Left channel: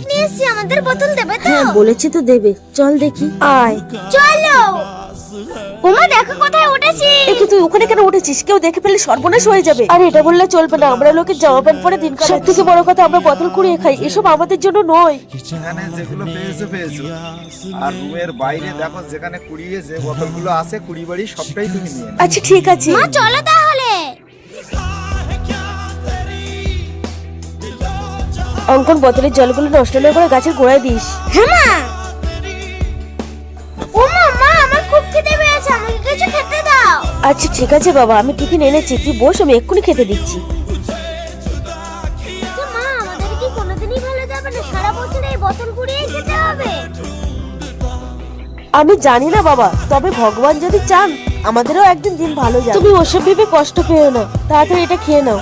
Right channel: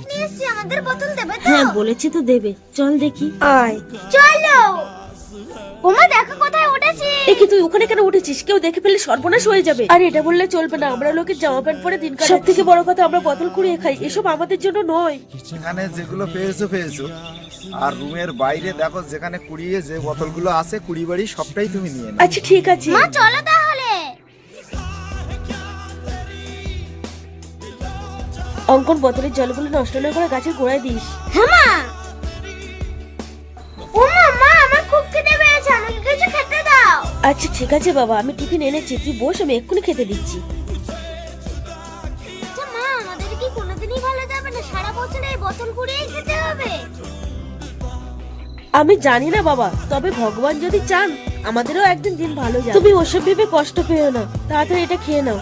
Bag নিয়ে এসেছি আমাদের বোতল দেবে তো? হ্যাঁ বলেছি তো দেবে। চল দেখি। আয়। চলো। ওমা দেখো কোথায় উঠেছি। এ তুই ওখানে কেন উঠেছিস? কেউ দেখে ফেললে সর্বনাশ হয়ে যাবে। আর এটা বললে চলবে না। আমরা লোকের জামা প্যান্ট পরে দিন সব থেকে বড় কথা আমরা বোতল কুড়িয়ে খাই। এসব আমাদের জন্য নয়। যেগুলো পেয়েছ পেয়েছ। আর রুমের বাইরে দেখো যেখানে কুড়িয়ে যে বোতলগুলো আছে কুড়ি বাড়ি সবটাই তুমি নিয়ে নাও। আচ্ছা ঠিক আছে। মা চলো তাহলে। অঙ্কন বোতলের জলগুলো নষ্ট না করে গাছের গোড়ায় দিস। হ্যাঁ মা। ওমা মা আমার খুব খিদে পেয়েছে। আমাকে কিছু খেতে দাও। আচ্ছা ঠিক আছে বাবা আমি টিফিন এনেছি। তুই বস আমি এক্ষুনি খেতে দিচ্ছি। আচ্ছা মা আমাদের কি কোনোদিনই ভালো যাবে না? সারা বছর এই বোতল কুড়িয়ে খেতে হবে। আমি জানি না বাবা তবে ভগবান যদি চান আমাদেরও একদিন দিন ভালো যাবে। তুমি ওসব ভেবে কষ্ট পেও না। তাড়াতাড়ি এটা খেয়ে নাও।